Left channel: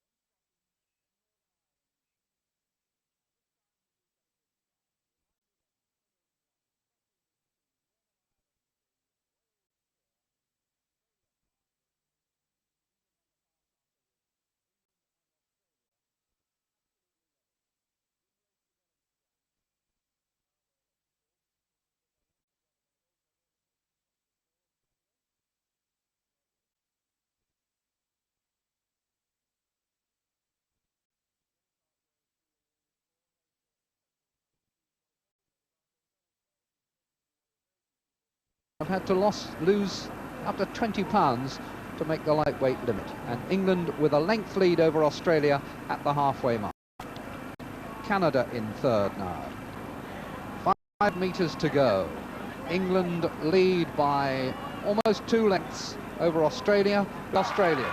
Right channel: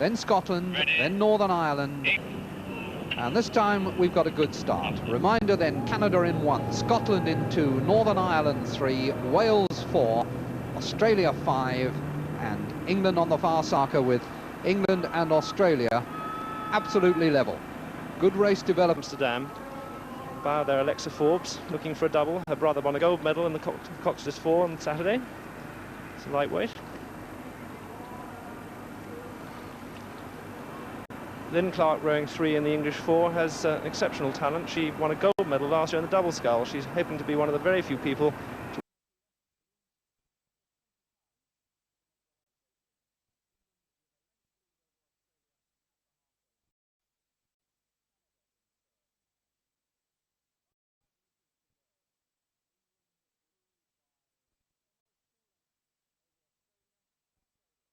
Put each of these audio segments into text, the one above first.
then Scotland, then Northern Ireland. And this time we've got a good start. Reminder then, Canada in 1, Scotland in 2, Northern Ireland 3, Wales 4, Australia 5, and England on the far circle with England and Australia absolutely level. Good race development. Amsterdam. Bow there, Alexa Forbes, looking for a double. Her brother won a gold medal in the Coxless 4 on Saturday. It's a lightweight. Lynn Clark, rowing 3 in the English 4, has exceptional talent. She won a gold medal last year in the double scull. She's hoping to be one of the very few people. I've had to lose up to 20 pounds to make the lightweight limit. And England with a length lead over Australia at the halfway mark. Canada in 3rd now. 5 meters to go. England lead by almost 2 lengths over Australia. Australians.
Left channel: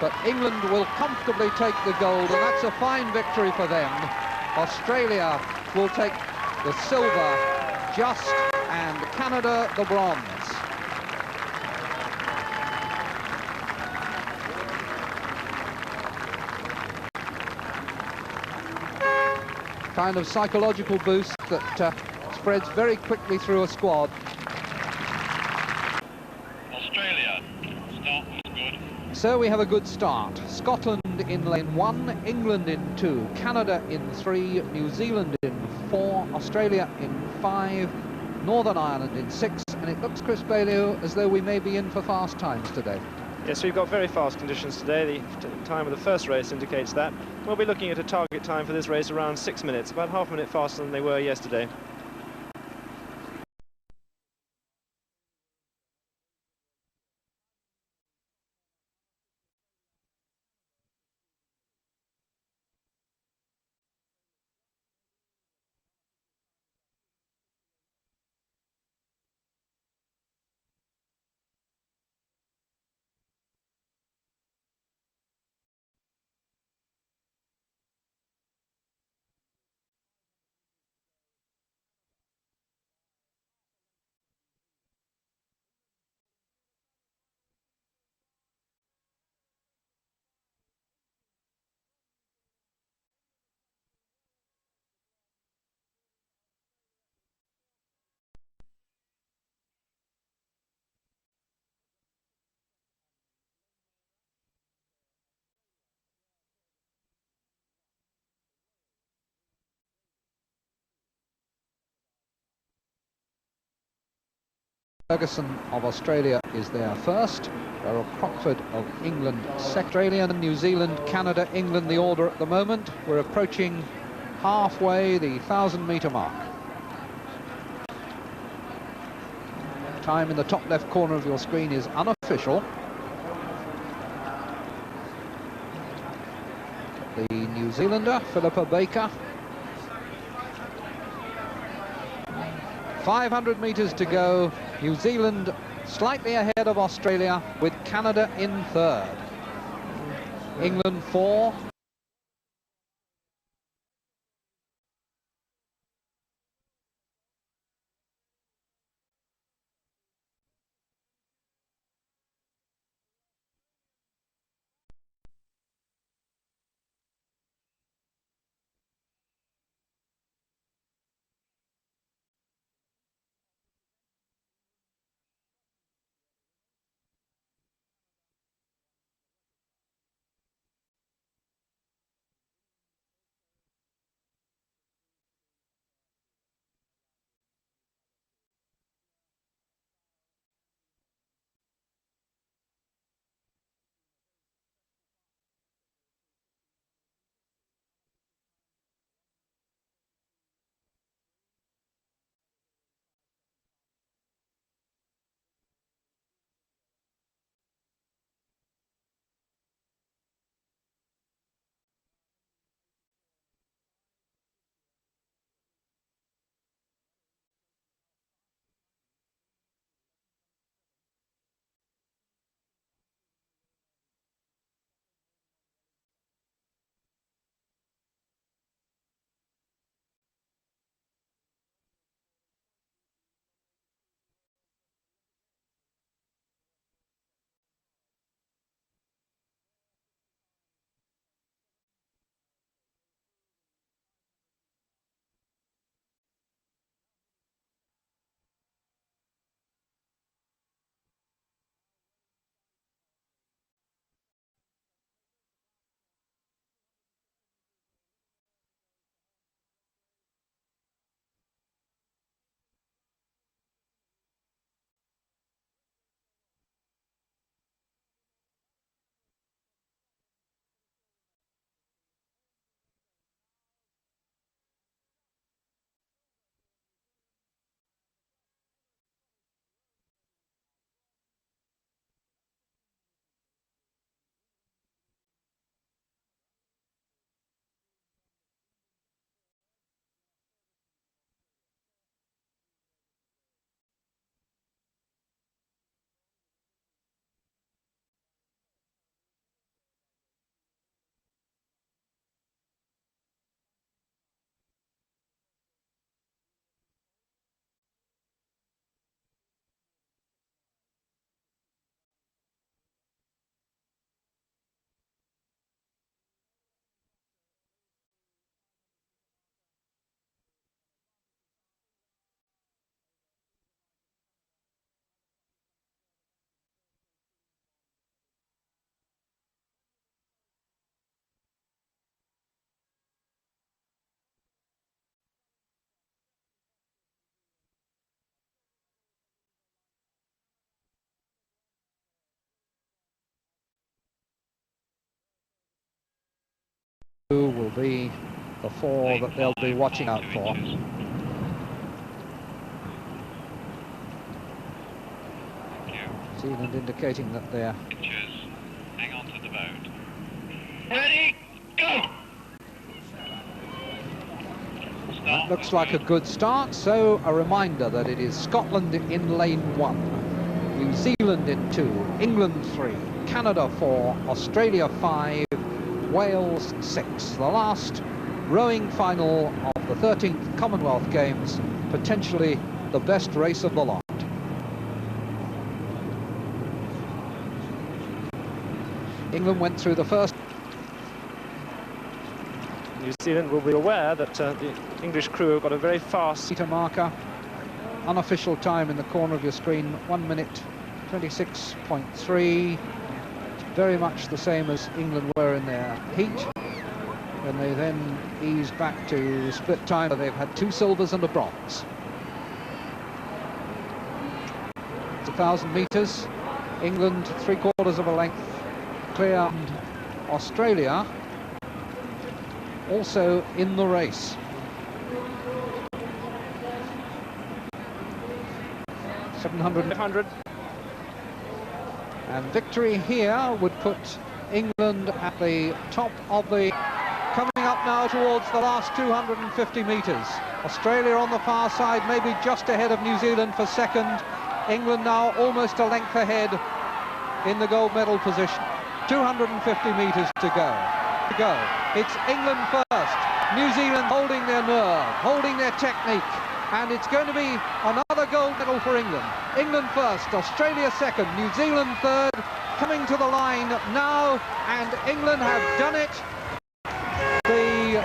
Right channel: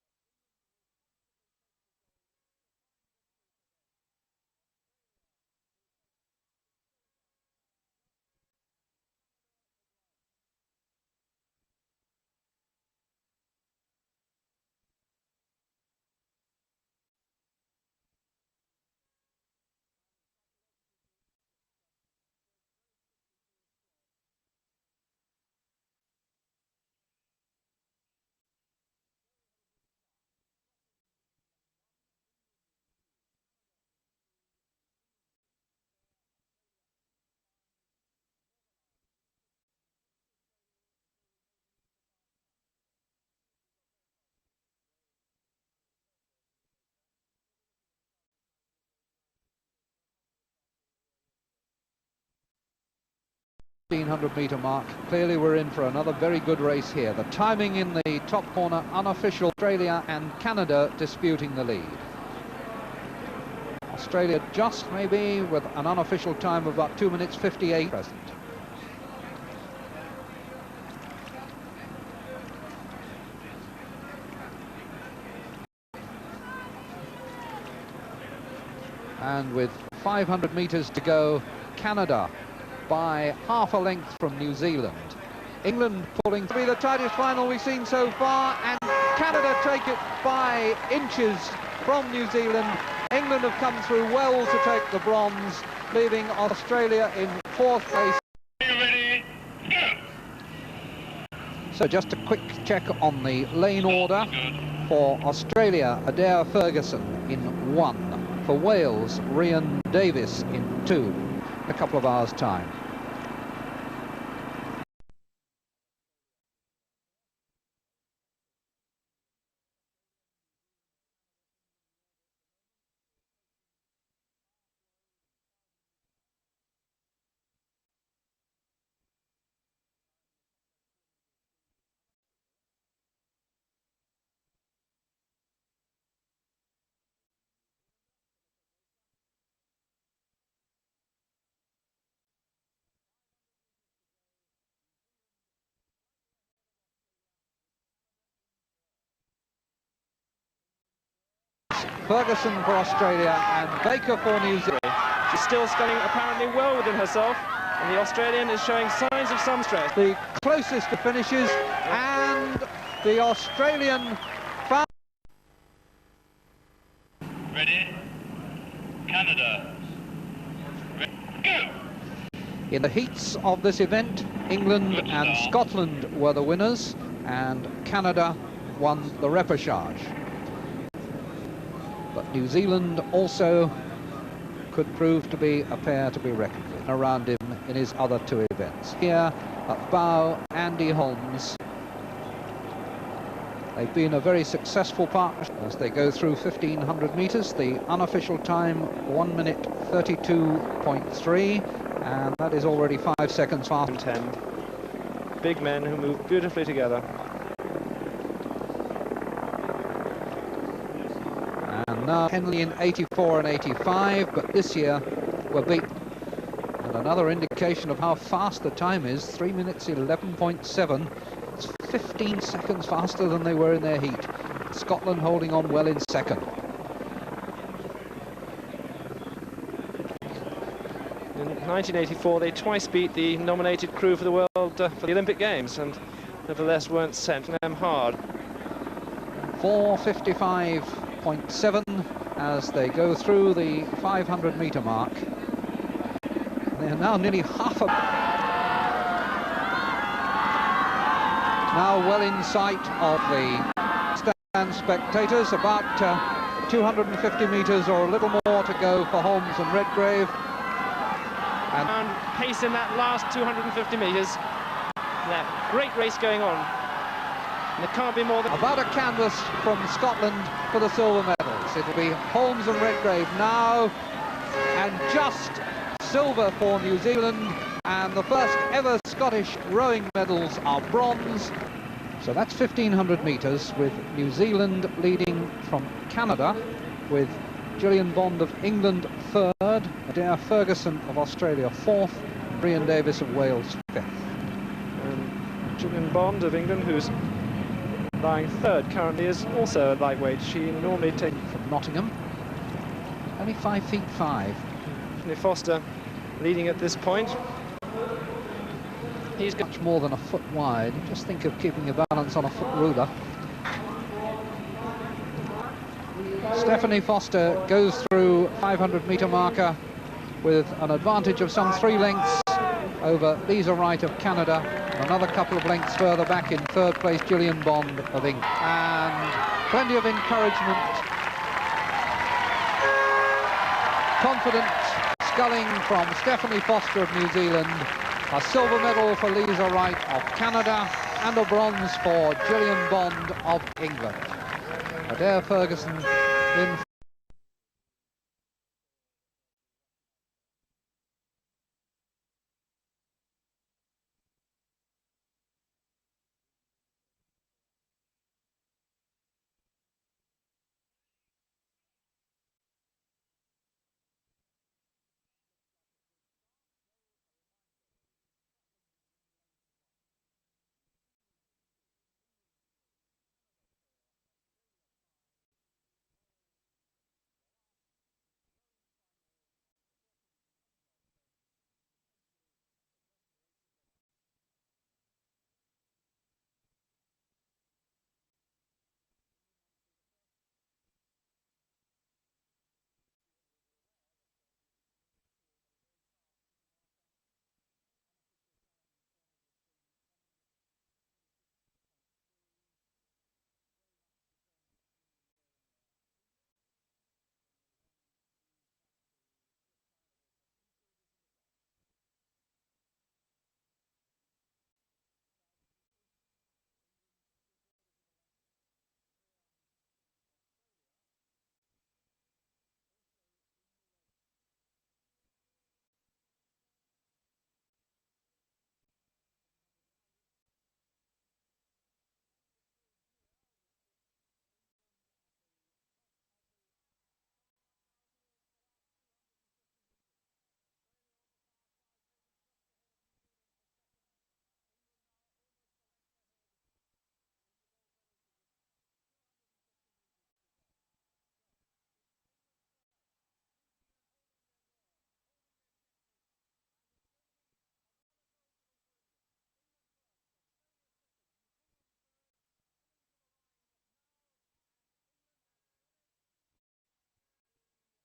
But England will comfortably take the gold, and that's a fine victory for them. Australia will take the silver just, and Canada the bronze. Kind of psychological boost that spreads very quickly through a squad. Australia, start was good. So we have a good start. Scotland in lane 1, England in 2, Canada in 3, New Zealand in 4, Australia in 5, Northern Ireland in 6, and it looks, Chris Bailey, as though we may be in for fast times today. Yes, we've got very fast conditions today. The time of the first race indicates that. We'll be looking at a target time for this race around 6 minutes, about half a minute faster than they were yesterday. 1500-meter mark. Clearly we're in for another very good race here. The timing in the top corner, unofficial. Australia and Canada disputing the lead. Australia just maybe with an unofficial time of about 2 minutes 58 present. And with 500 meters to go, Canada by half a length from New Zealand. England pulling to be the tightest final we've seen so far, and Canada take it by inches from New Zealand. England have come through well to take the bronze, leaving Australia in 4th place. Are you ready? Go! So just a quick check on the lane order. For Australia, Adair Ferguson in 1. For Wales, Rhian Davies in 2. A couple of hours' time. Ferguson of Australia is there first. Beryl Crockford of England second. Australia, New Zealand, Canada, England, the order at the moment. We're approaching halfway, the 1000-meter mark. Time in the top left corner of your screen is unofficial. The New Zealander, Philippa Baker. 500 meters to go. New Zealand slightly ahead of Australia, with Canada in 3rd. England 4, Ferguson for Australia, and Baker for New Zealand. She's still sculling apparently well within herself, and the Australian is showing signs of some stress. The closest to finishes, and the Australian found. Ready? Canada. Ready? Go! In the heats of this event, England and Scotland were the winners, and Canada won the repechage. But New Zealand also could prove to be a pair to be reckoned with around him in his other 2 events. Here at bow, Andy Holmes. They've been a very successful partnership as they go through 1500 meters. The unofficial time 1 minute 32.3, and that is already 5 seconds faster. 10. Big men who move beautifully together. And now Henley in 84 and 85, but this year were beaten. And another indication of how fast the time is, 3 minutes 11.7. It's 15 seconds faster than they were in their heat. Scotland holding on well in second. In 1984, they twice beat the nominated crew for the world for the Olympic Games, and nevertheless weren't sent them hard. 4:55 26.7 as they go through the 500-metre mark. They're now nearly half a... Now well in sight of the stand spectators, about 250 metres or a little more to go for Holmes and Redgrave. And pace in that last 250 metres. That great race going on. And there can't be more than... About a canvas from Scotland for the silver medals. It'll be Holmes and Redgrave now, and just silver for New Zealand, and the first ever Scottish rowing medals are bronze. So that's 1,500 metres, with New Zealand leading from Canada, with Gillian Bond of England third, Adair Ferguson of Australia fourth, and Brian Davis of Wales fifth. Gillian Bond of England, who's lying third currently, is also a lightweight. She normally takes... From Nottingham, only 5 feet 5. Foster leading at this point. He's got much more than a foot wide. Just think of keeping your balance on a foot ruler. Stephanie Foster goes through 500-metre marker with an advantage of some 3 lengths over Lisa Wright of Canada. Another couple of lengths further back in third place, Gillian Bond of England. And plenty of encouragement. Confident sculling from Stephanie Foster of New Zealand. A silver medal for Lisa Wright of Canada, and a bronze for Gillian Bond of England. Adair Ferguson in who will be the 4 that they'll be watching out for. New Zealand indicating that they're... Hang on to the boat. Ready, go! That looks like a good start, so a reminder that it is Scotland in lane 1, New Zealand in 2, England 3, Canada 4, Australia 5, Wales 6. The last rowing final of the 13th Commonwealth Games, potentially the best race of the lot. England went through the first... New Zealand will be aware that the English crew have got a very fast meter marker. Unofficial time in the corner of your screen, 1 minute 26.3. Very much the same as England were in their heat, when they then eased back to split time. They've had 2 silvers and a bronze. It's 1,000 metres. England 3/4 of a length clear, and Australia also in the race. 700. And victory here would put England at the top of the... Coming up now towards the last 250 metres. Australia on the far side, maybe just ahead of New Zealand for second. England now almost a length ahead in the gold medal position. 250 metres to go. It's England first, New Zealand holding their nerve, holding their technique, and it's going to be another gold medal for England. England first, Australia second, New Zealand third, coming to the line now, and England have done it. The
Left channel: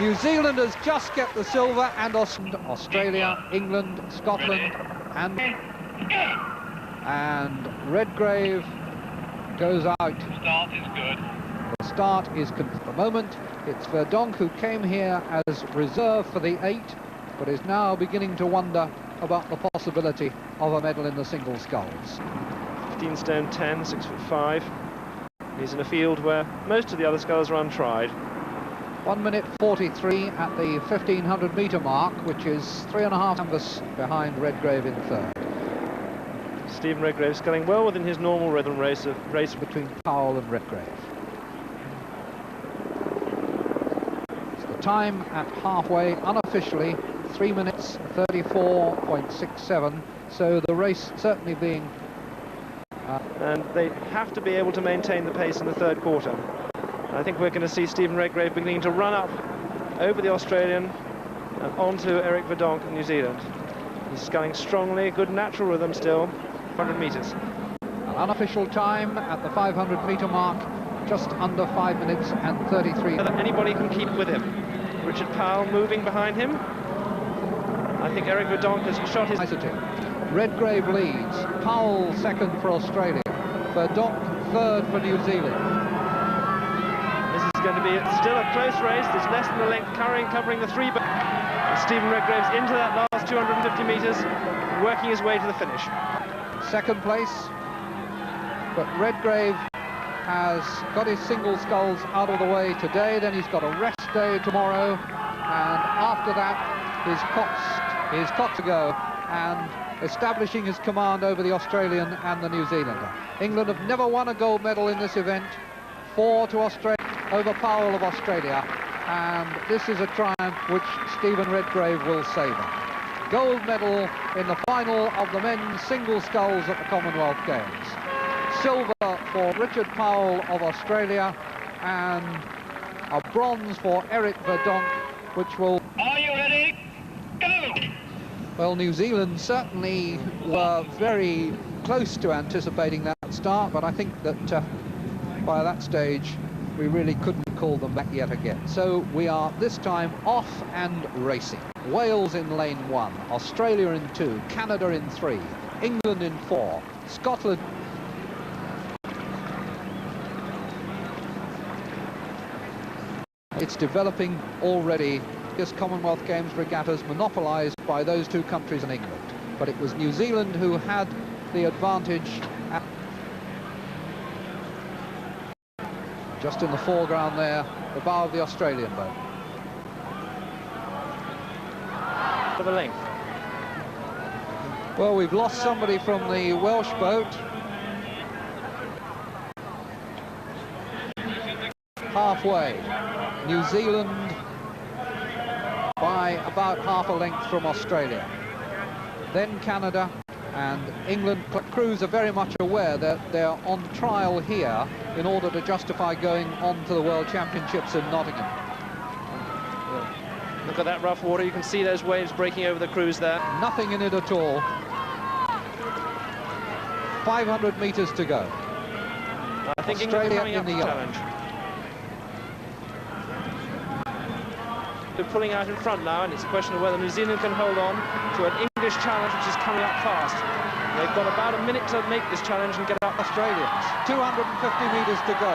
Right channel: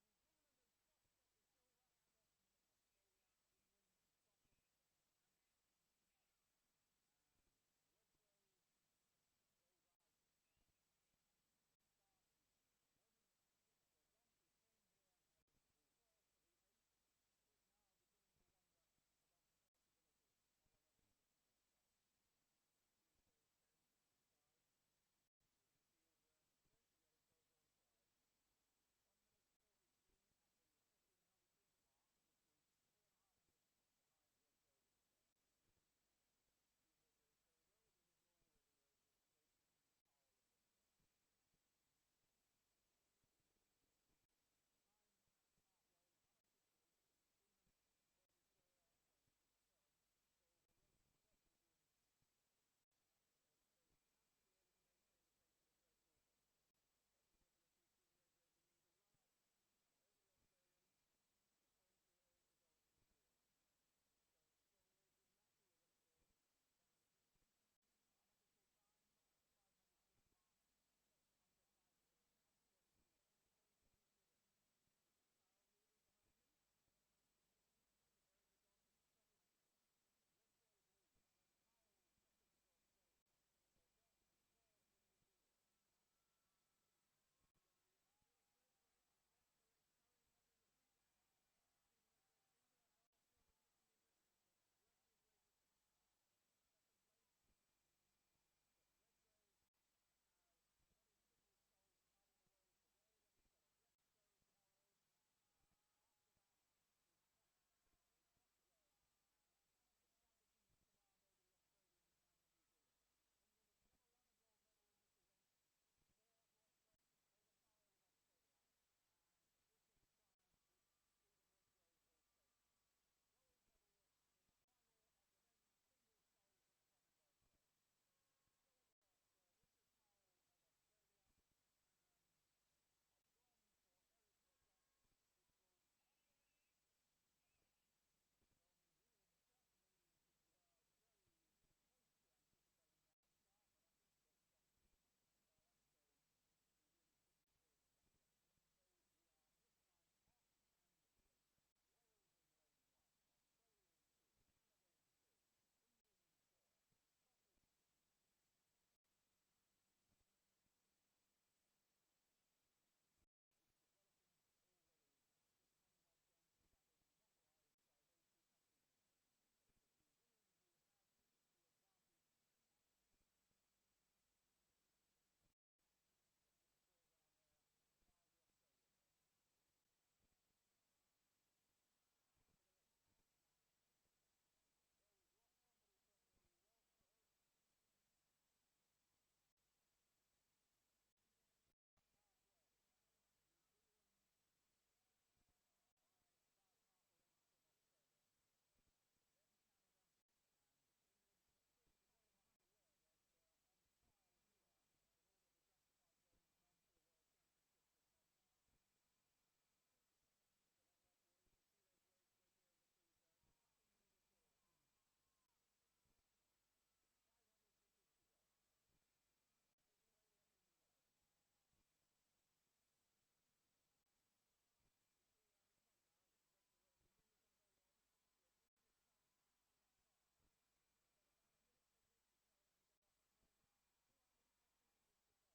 New Zealanders just get the silver, and Australia, England, Scotland, and Redgrave goes out. Start is good. The start is at the moment. It's Verdonk, who came here as reserve for the 8, but is now beginning to wonder about the possibility of a medal in the single sculls. 15 stone 10, 6'5". He's in a field where most of the other sculls are untried. 1 minute 43 at the 1,500 metre mark, which is 3.5 canvas behind Redgrave in third. Stephen Redgrave sculling well within his normal rhythm race between Powell and Redgrave. It's the time at halfway, unofficially 3 minutes 34.67. So the race certainly being... and they have to be able to maintain the pace in the third quarter. I think we're going to see Stephen Redgrave beginning to run up over the Australian and onto Eric Verdonk in New Zealand. He's sculling strongly, good natural rhythm still, 100 metres. An unofficial time at the 500 metre mark, just under 5 minutes and 33. Whether anybody can keep with him. Richard Powell moving behind him. I think Eric Verdonk has shot his... Redgrave leads, Powell second for Australia, Verdonk third for New Zealand. This is going to be still a close race. There's less than a length covering the three, but Stephen Redgrave's into that last 250 metres, working his way to the finish. Second place, but Redgrave has got his single sculls out of the way today, then he's got a rest day tomorrow, and after that his Coxed to go, and establishing his command over the Australian and the New Zealander. England have never won a gold medal in this event. 4 to Australia over Powell of Australia, and this is a triumph which Stephen Redgrave will savour. Gold medal in the final of the men's single sculls at the Commonwealth Games. Silver for Richard Powell of Australia, and a bronze for Eric Verdonk, which will... Are you ready? Go! Well, New Zealand certainly were very close to anticipating that start, but I think that by that stage we really couldn't call them back yet again. So we are this time off and racing. Wales in lane 1, Australia in 2, Canada in 3, England in 4, Scotland... It's developing already. This Commonwealth Games regattas monopolised by those two countries and England. But it was New Zealand who had the advantage. Just in the foreground there, the bow of the Australian boat. For the length. Well, we've lost somebody from the Welsh boat. Halfway. New Zealand by about half a length from Australia. Then Canada and England. Crews are very much aware that they're on trial here in order to justify going on to the World Championships in Nottingham. Look at that rough water. You can see those waves breaking over the crews there. Nothing in it at all. 500 metres to go. I think Australia England coming up in the to challenge. They're pulling out in front now, and it's a question of whether New Zealand can hold on to an English challenge which is coming up fast. They've got about a minute to make this challenge and get up. Australians, 250 metres to go.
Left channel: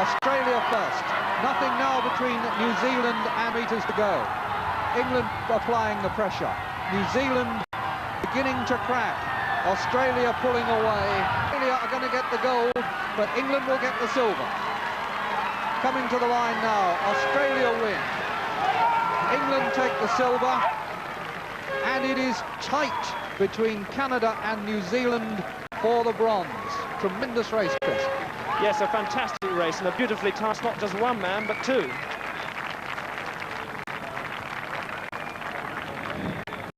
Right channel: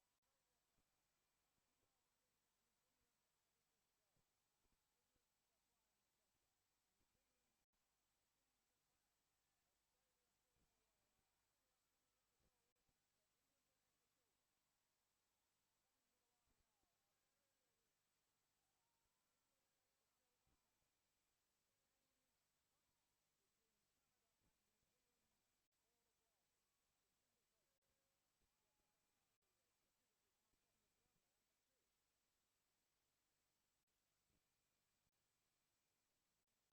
Australia first. Nothing now between New Zealand and metres to go. England applying the pressure. New Zealand beginning to crack. Australia pulling away. Australia are going to get the gold, but England will get the silver. Coming to the line now. Australia win. England take the silver, and it is tight between Canada and New Zealand for the bronze. Tremendous race, Chris. Yes, a fantastic race, and a beautifully tasked, not just one man, but two.